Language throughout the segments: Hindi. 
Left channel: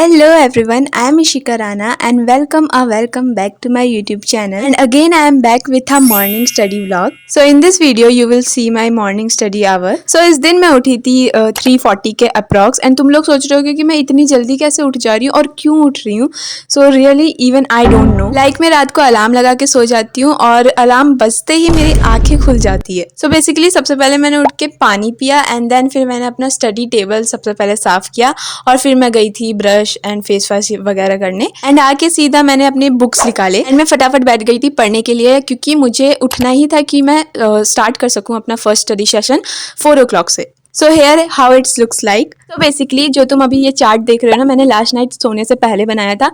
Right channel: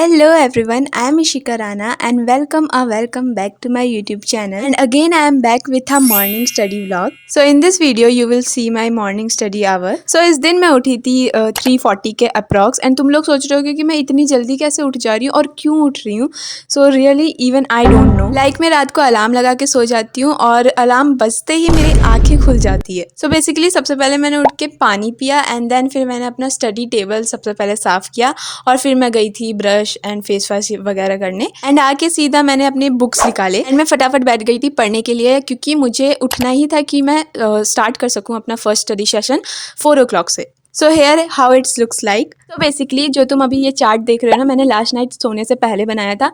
Hello everyone, I am Ishika Rana and welcome back to my YouTube channel. And again I am back with a morning study vlog. So in this video you will see my morning study hour. So इस दिन मैं उठी थी 3:40 के अप्रॉक्स एंड तुम लोग सोच रहे होगे कि मैं इतनी जल्दी कैसे उठ जा रही हूँ और क्यों उठ रही हूँ. So really even I don't know. Like मैं रात को अलार्म लगा के सो जाती हूँ और अलार्म बजते ही मेरी आंखें खुल जाती है. सो बेसिकली सबसे पहले मैंने उठ के पानी पिया एंड देन फिर मैंने अपना स्टडी टेबल सबसे पहले साफ किया और फिर मैं गई थी ब्रश एंड फेस वॉश वगैरह करने एंड आके सीधा मैंने अपने बुक्स निकाले एंड मैं फटाफट बैठ गई थी पढ़ने के लिए क्योंकि मुझे उठना ही था कि मैं स्टार्ट कर सकूं अपना फर्स्ट स्टडी सेशन 4 o'clock से. So here how it's looks like. तो बेसिकली जो तुम अभी ये चार्ट देख रहे हो ना, मैंने लास्ट नाइट सोने से पहले बनाया था.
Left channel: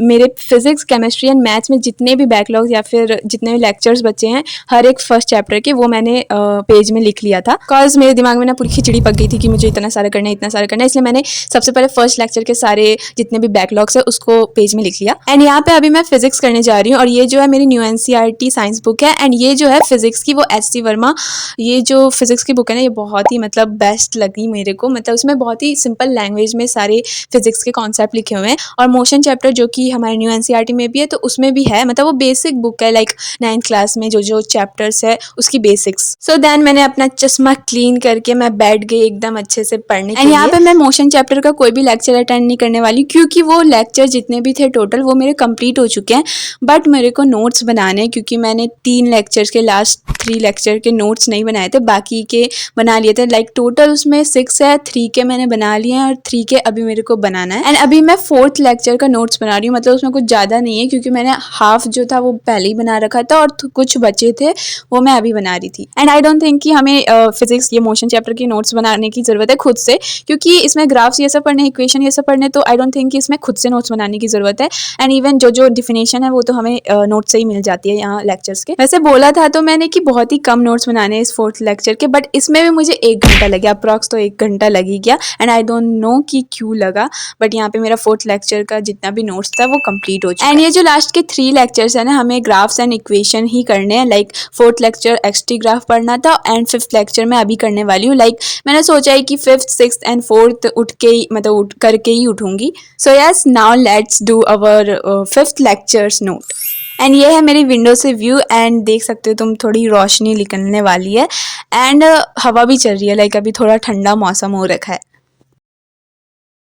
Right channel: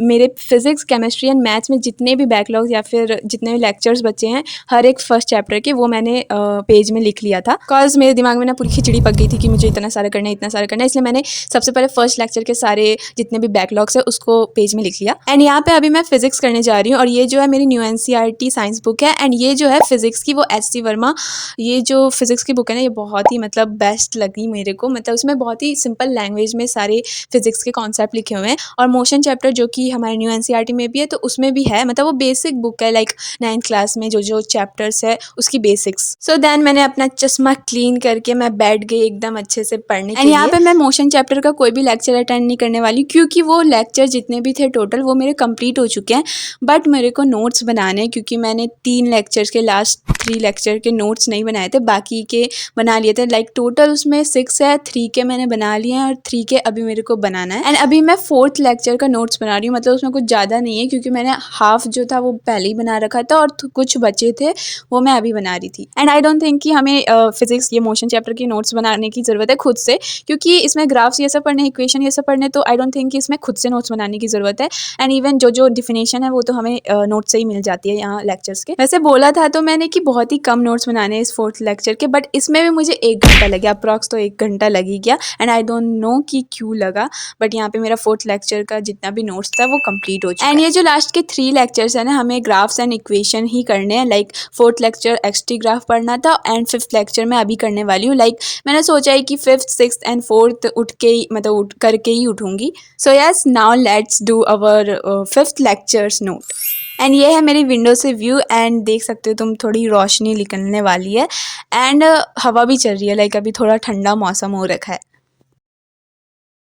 मेरे फिजिक्स केमिस्ट्री एंड मैथ्स में जितने भी बैकलॉग या फिर जितने भी लेक्चर्स बचे हैं हर एक फर्स्ट चैप्टर के, वो मैंने पेज में लिख लिया था. बिकॉज मेरे दिमाग में ना पूरी खिचड़ी पक गई थी कि मुझे इतना सारा करना है, इसलिए मैंने सबसे पहले फर्स्ट लेक्चर के सारे जितने भी बैकलॉग्स है उसको पेज में लिख लिया. एंड यहाँ पे अभी मैं फिजिक्स करने जा रही हूँ और ये जो है मेरी न्यू NCERT साइंस बुक है एंड ये जो है फिजिक्स की वो SC वर्मा, ये जो फिजिक्स की बुक है ना, ये बहुत ही मतलब बेस्ट लगी मेरे को. मतलब उसमें बहुत ही सिंपल लैंग्वेज में सारे फिजिक्स के कॉन्सेप्ट लिखे हुए हैं और मोशन चैप्टर जो कि हमारे न्यू NCERT में भी है तो उसमें भी है. मतलब वो बेसिक बुक है, लाइक 9th क्लास में जो चैप्टर्स है उसकी बेसिक्स. सो देन मैंने अपना चश्मा क्लीन करके मैं बैठ गई एकदम अच्छे से पढ़ने के लिए. यहाँ पे मैं मोशन चैप्टर का कोई भी लेक्चर अटेंड नहीं करने वाली क्योंकि वो लेक्चर जितने भी थे टोटल वो मेरे कंप्लीट हो चुके हैं. बट मेरे को नोट्स बनाने, क्योंकि मैंने 3 लेक्चर्स के लास्ट 3 लेक्चर के नोट्स नहीं बनाए थे, बाकी के बना लिए थे. लाइक टोटल उसमें 6 है, 3 के मैंने बना लिए हैं और 3 के अभी मेरे को बनाना है. एंड अभी मैं 4th लेक्चर का नोट्स बना रही हूँ. मतलब उसमें कुछ ज़्यादा नहीं है क्योंकि मैंने हाफ जो था वो पहले ही बना रखा था और कुछ बचे थे वो मैं अभी बना रही थी. एंड आई डोंट थिंक कि हमें फिजिक्स ये मोशन चैप्टर की नोट्स बनाने की ज़रूरत है खुद से, क्योंकि इसमें ग्राफ्स ये सब पढ़ने, इक्वेशन ये सब पढ़ने, तो आई डोंट थिंक कि इसमें खुद से नोट्स बनाने की ज़रूरत है. एंड इवन जो डिफिनेशन है वो तो हमें नोट से ही मिल जाती है यहाँ लेक्चर्स के. वैसे बोला था तो मैंने कि बहुत ही कम नोट्स बनाने हैं इस 4th लेक्चर के, बट इसमें भी मुझे 1 घंटा लग गया, अप्रॉक्स तो 1 घंटा लग ही गया. एंड आई डोंट नो कि क्यों लगा, बट यहाँ पे मेरा 4th लेक्चर का जितना भी नोट्स था वो कंप्लीट हो चुका है. एंड ये जो लास्ट के 3 लेक्चर्स है ना, हमें ग्राफ्स एंड इक्वेशन ही करने हैं. Like 4th lecture XT graph पढ़ना था एंड 5th लेक्चर मैं अभी करने वाली हूँ. लाइक मैंने सोचा है कि 5th 6th एंड 4th उठ के ही, मतलब उठ करके ही उठूंगी. So yes, now let's do our 5th lectures note. And ये है मेरी विंडो से व्यू एंड देख सकते हो तुम, थोड़ी रोशनी निकलने वाली है एंड हवा भी चल रही है. लाइक अभी थोड़ा ठंडा मौसम हो रखा है.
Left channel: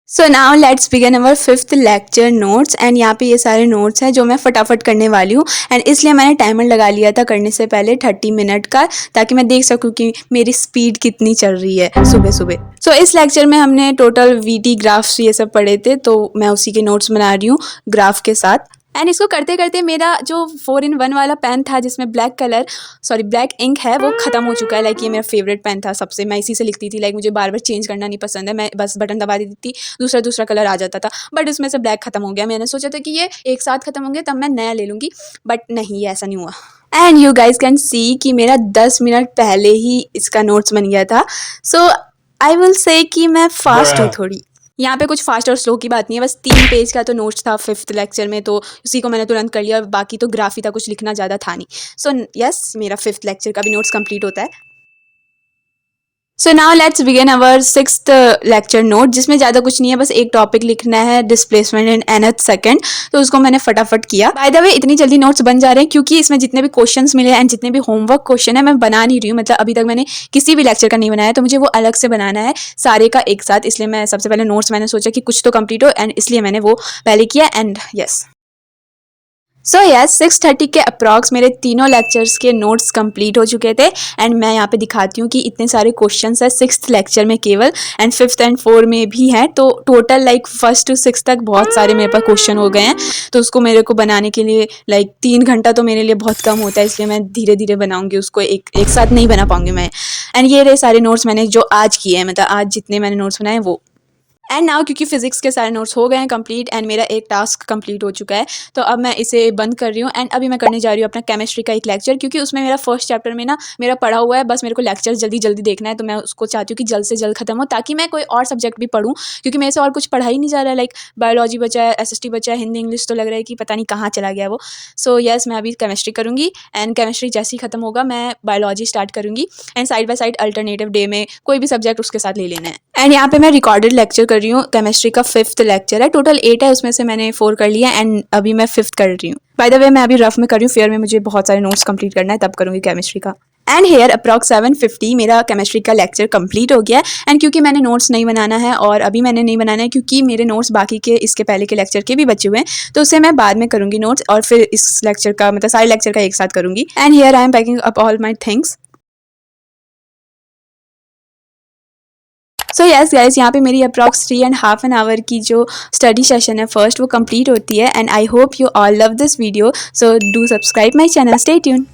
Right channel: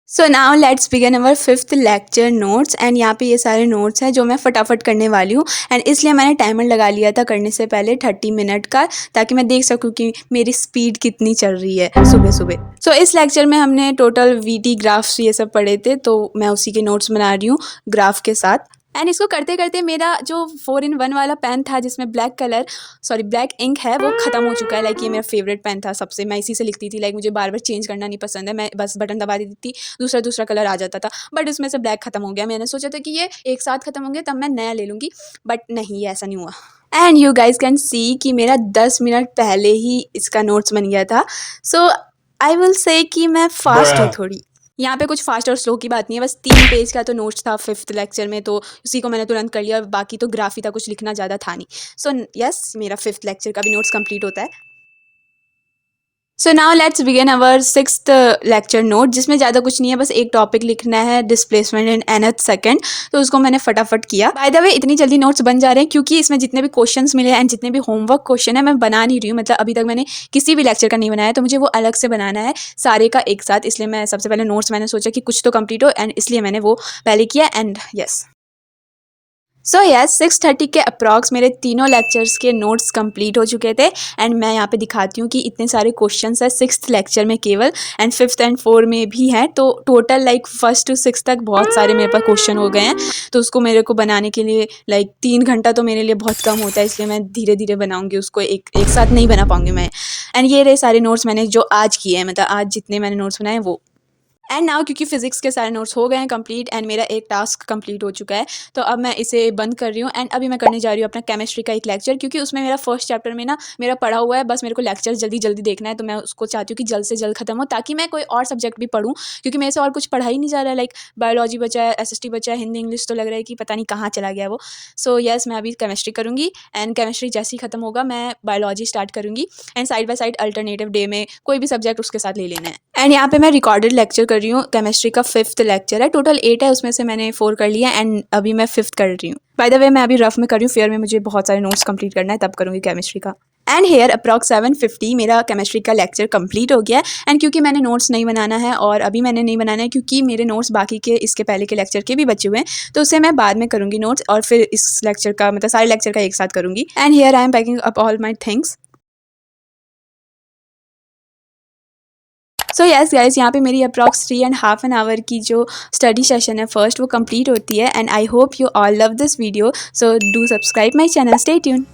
So now let's begin our 5th lecture notes. And यहाँ पे ये सारे नोट्स हैं जो मैं फटाफट करने वाली हूँ एंड इसलिए मैंने टाइमर लगा लिया था करने से पहले 30 मिनट का, ताकि मैं देख सकूँ कि मेरी स्पीड कितनी चल रही है सुबह सुबह. सो इस लेक्चर में हमने टोटल VT ग्राफ्स ये सब पढ़े थे, तो मैं उसी के नोट्स बना रही हूँ ग्राफ के साथ. एंड इसको करते करते मेरा जो 4-in-1 वाला पेन था जिसमें ब्लैक इंक है वो ख़त्म हो चुका है. लाइक ये मेरा फेवरेट पेन था सबसे, मैं इसी से लिखती थी. लाइक मुझे बार बार चेंज करना नहीं पसंद है, मैं बस बटन दबा देती थी, दूसरा कलर आ जाता था. बट इसमें से ब्लैक ख़त्म हो गया. मैंने सोचा था कि ये एक साथ ख़त्म होंगे तब मैं नया ले लूँगी, बट नहीं, ऐसा नहीं हुआ. And you guys can see कि मेरा 10 मिनट पहले ही इसका नोट्स बन गया था. सो आई विल से कि मैं फास्ट हूँ थोड़ी. यहाँ पे कुछ फास्ट और स्लो की बात नहीं है, बस 3 पेज का तो नोट्स था 5th लेक्चर में, तो उसी को मैंने तुरंत कर लिया और बाकी तो ग्राफ ही था, कुछ लिखना ज़्यादा था नहीं. सो यस, मेरा 5th लेक्चर का भी नोट्स कंप्लीट होता है. So now let's begin our 6th lecture note, जिसमें ज़्यादा कुछ नहीं है, बस एक टॉपिक लिखना है, डिस्प्लेसमेंट इन nth सेकंड. तो उसको मैंने फटाफट किया. बाय द वे इतनी जल्दी नोट्स बन जा रहे हैं क्योंकि इसमें जितने भी क्वेश्चंस मिले एंड जितने भी होमवर्क क्वेश्चन है मैं बना नहीं रही हूँ. मतलब अभी तक मैंने किसी भी लेक्चर का नहीं बनाया, तो मुझे वो अलग से बनाना है सारे का एक साथ. इसलिए मैं सबसे पहले नोट्स, मैंने सोचा कि कुछ तो कंप्लीट हो एंड इसलिए मैंने वो पहले किया. एंड यस, सो यस 6:30 के अप्रॉक्स मेरे तीनों लेक्चर्स के नोट्स कंप्लीट हो चुके थे. एंड मैं यहाँ पे दिखाती हूँ कि इतने सारे क्वेश्चंस हैं 6th लेक्चर में केवल, एंड 5th एंड 4 में भी हैं. तो total like 1st to 6th तक बहुत सारे मेरे पास क्वेश्चन हो गए हैं. तो उसको मेरे को बनाने के लिए लाइक 3 घंटा तो मेरे लिए बहुत कम होता है, इसलिए मैं धीरे धीरे बनाऊँगी उसको, एक साथ नहीं बना पाऊँगी मैं. एंड ये रहे सारे नोट्स मैंने जो आज किए हैं, मतलब आज जितने मैंने नोट्स बनाए वो. एंड नाउ क्योंकि फिजिक्स के सारे नोट्स हो गए हैं कंप्लीट एंड मेरा एक टास्क कंप्लीट हो चुका है, तो अब मैं इसे बंद कर रही हूँ. एंड अभी मैं करने जा रही हूँ अपना केमिस्ट्री का एक लेक्चर, क्योंकि उसमें मेरा फर्स्ट चैप्टर में ना मेरा पढ़ा हुआ है, बस मेरे को लेक्चर जल्दी देखना है. तो मैं उसको चाहती हूँ कि जल्द से जल्द खत्म हो, ताकि मैं कोई और सब्जेक्ट भी पढ़ूँ, क्योंकि मेरे से और कुछ पढ़ा ही नहीं जा रहा है. लाइक बायोलॉजी बचा है, SST बचा है, हिंदी इंग्लिश तो लग रहा है कि पता नहीं कहाँ चला गया वो. सो यस, मैं अभी केमिस्ट्री करूँगी एंड केमिस्ट्री जैसे ही खत्म होगा मैं बायोलॉजी स्टार्ट करूँगी. And side by side alternative day में कोई भी सब्जेक्ट उसके साथ ले लेना है. एंड यहाँ पे मैं रिकॉर्डेड लेक्चर कर कर रही हूँ केमिस्ट्री का 5th लेक्चर है। टोटल 8 है, उसमें से मैंने 4 कर लिया एंड अभी मैं 5th कर रही हूँ। बाय द वे मैं अभी रफ में कर रही हूँ, फेयर में मुझे बहुत सारे नोट्स कंप्लीट करना है, तब करूँगी केमिस्ट्री का। एंड हेयर अप्रॉक्स 7:50 मेरा केमिस्ट्री का लेक्चर कंप्लीट हो गया है। एंड क्योंकि मैंने नोट्स नहीं बनाना है और अभी मैंने नहीं बनाना है क्योंकि मेरे नोट्स बाकी के इसके पहले के लेक्चर के भी बचे हुए हैं, तो उसे मैं बाद में करूँगी नोट्स और फिर इस लेक्चर का मतलब सारे लेक्चर का एक साथ करूँगी। And here I am packing up all my things. So yes guys, यहाँ पे मेरी अप्रॉक्स 3.5 आवर की जो स्टडी सेशन है फर्स्ट वो कंप्लीट होती है। And I hope you all love this video, so do subscribe my channel, stay tune.